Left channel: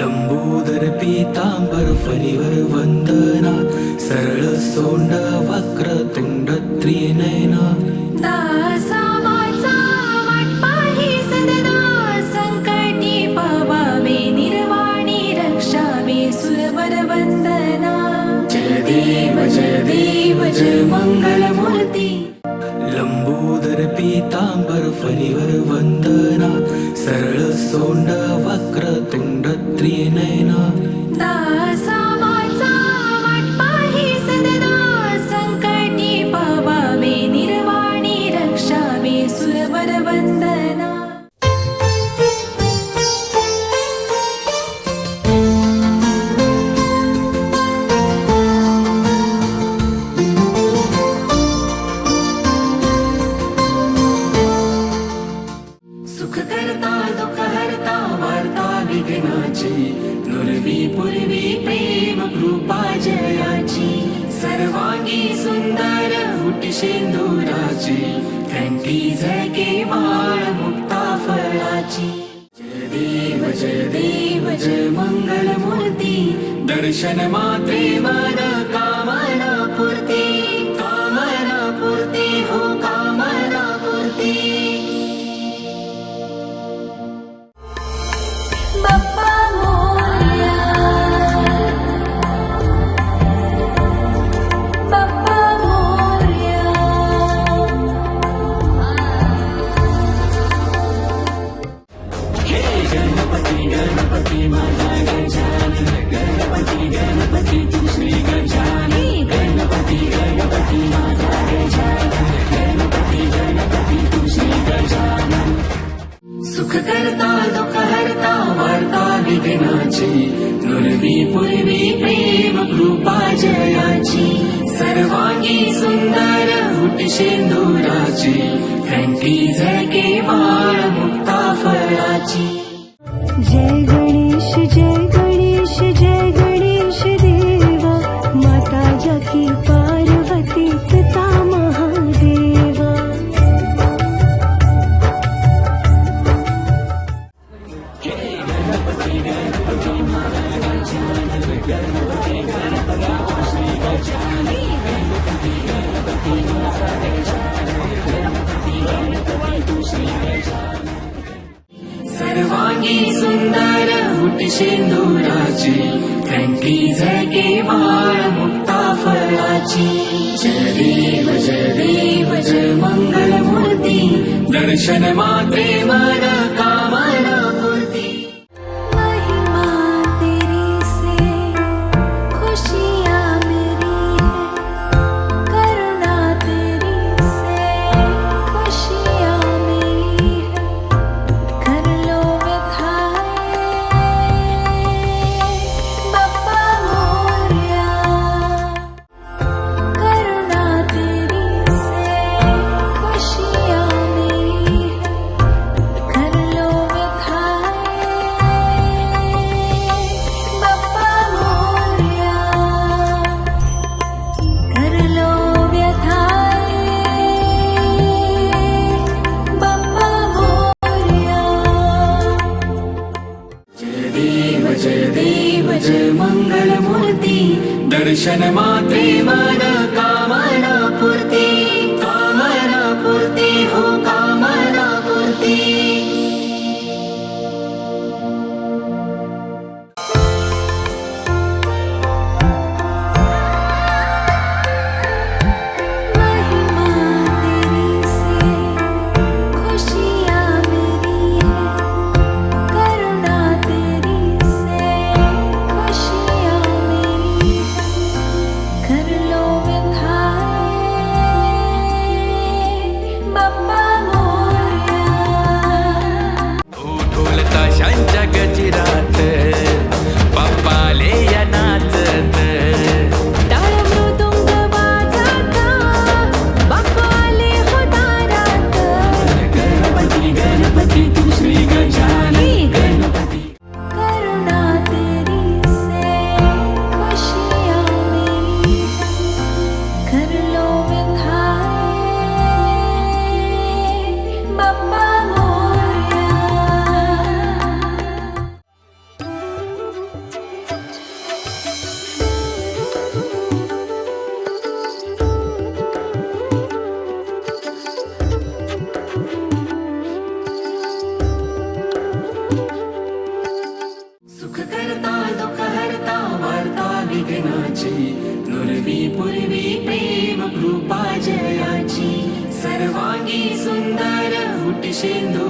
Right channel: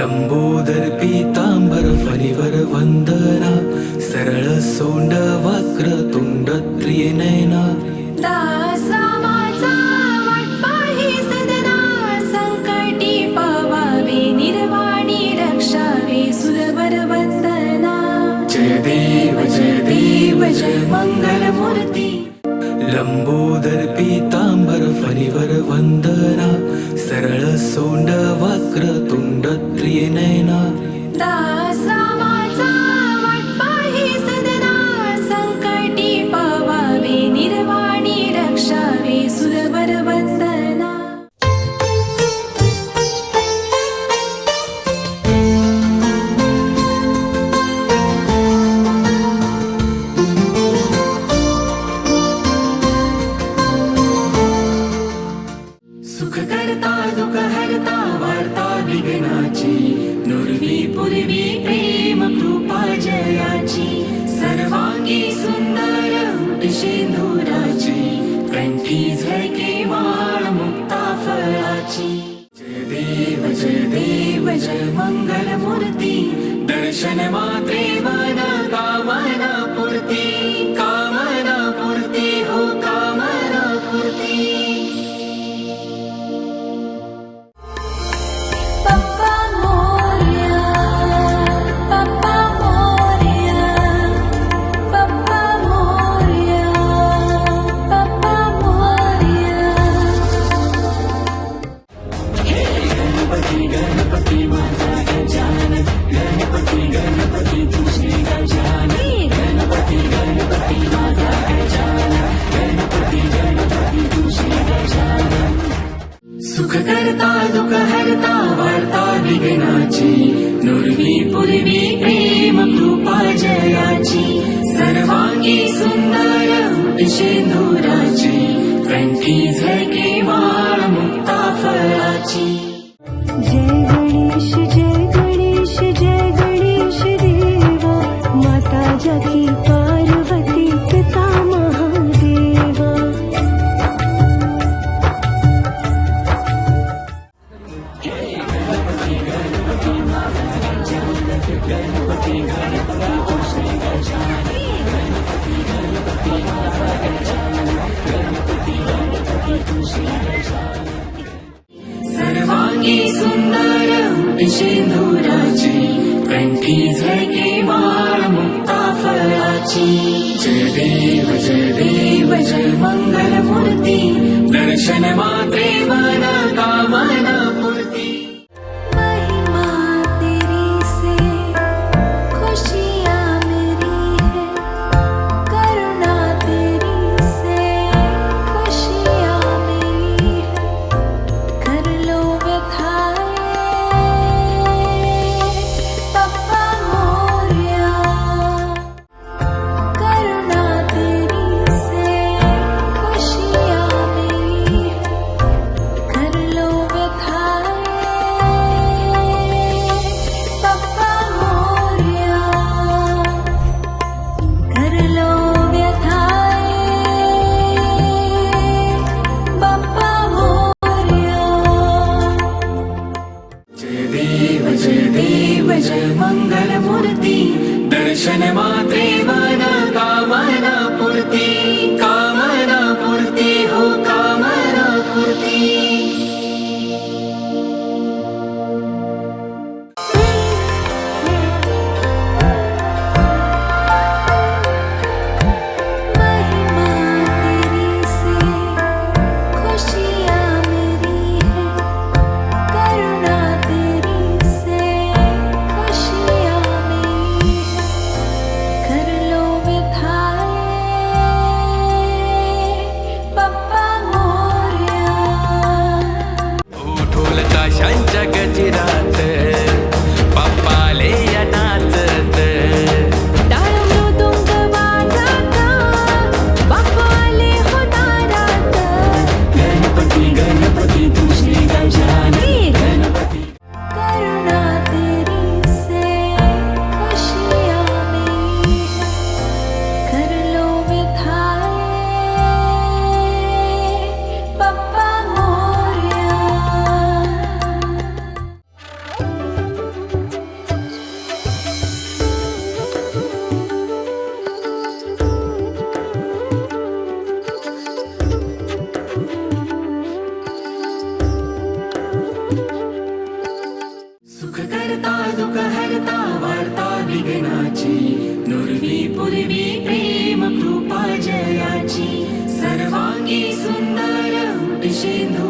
लंबोदर पीतांबर फणीवर वंदना, सरळ सोंड वक्र तुंड त्रिनयना. दासा माझा वाटपाही सदना, संकटी पावावे निर्वाणी रक्षावे सुरवर वंदना. जय देव जय मंगल मूर्ती. लंबोदर पीतांबर फणीवर वंदना, सरळ सोंड वक्र तुंड त्रिनयना. दासा माझा वाटपाही सदना, संकटी पावावे निर्वाणी रक्षावे सुरवर वंदना. सुख करता दुःख हरता वार्ता विघ्नाची, नुरवी पूर्वी प्रेम कृपा जयाची. सर्वांगी सुंदर उटी शेंदुराची, कंठी झळके माळ मुक्ता फळाची. जय देव जय मंगल मूर्ती. दर्शन मात्रे मन कामना पूर्ती, कामना पूर्ती हो कामना पूर्ती. बाप्पा मोरया, बाप्पा मोरया, बाप्पा मोरया, बाप्पा मोरया. सुख करता दुःख हरता वार्ता विघ्नाची, नुरवी पूर्वी प्रेम कृपा जयाची. सर्वांगी सुंदर उटी शेंदुराची, कंठी झळके माळ मुक्ता फळाची. जय गणेश जय गणेश देवा, माता जाकी पार्वती पिता महादेवा. सर्वांगी सुंदर उटी शेंदुराची, कंठी झळके माळ मुक्ता फळाची. जय देव जय मंगल मूर्ती. दर्शन मात्रे मन कामना पूर्ती. महिमा तेरी से खुशियाँ मेरी है, करुणा तेरी से खुशियाँ मेरी है. कर लो व्यथाएं बाप्पा मोरया, करुणा तेरी से खुशियाँ मेरी है. कर लो व्यथाएं बाप्पा मोरया, कर लो व्यथाएं बाप्पा मोरया. जय देव जय मंगल मूर्ती. दर्शन मात्रे मन कामना पूर्ती, कामना पूर्ती हो कामना पूर्ती. महिमा तेरी से खुशियाँ मेरी है, करुणा तेरी से खुशियाँ मेरी है. कर लो व्यथाएं बाप्पा मोरया. ढोल ताशांच्या गजिरात बाप्पाले या नाचत. टाळ मृदुंग वाजता बाप्पा आले हो दारात. गणपती तू श्री गजाननी. करुणा तेरी से खुशियाँ मेरी है, कर लो व्यथाएं बाप्पा मोरया. नामाची नुरवी पूर्वी प्रेम कृपा जयाची सर्वांगी सुंदर उटी शेंदू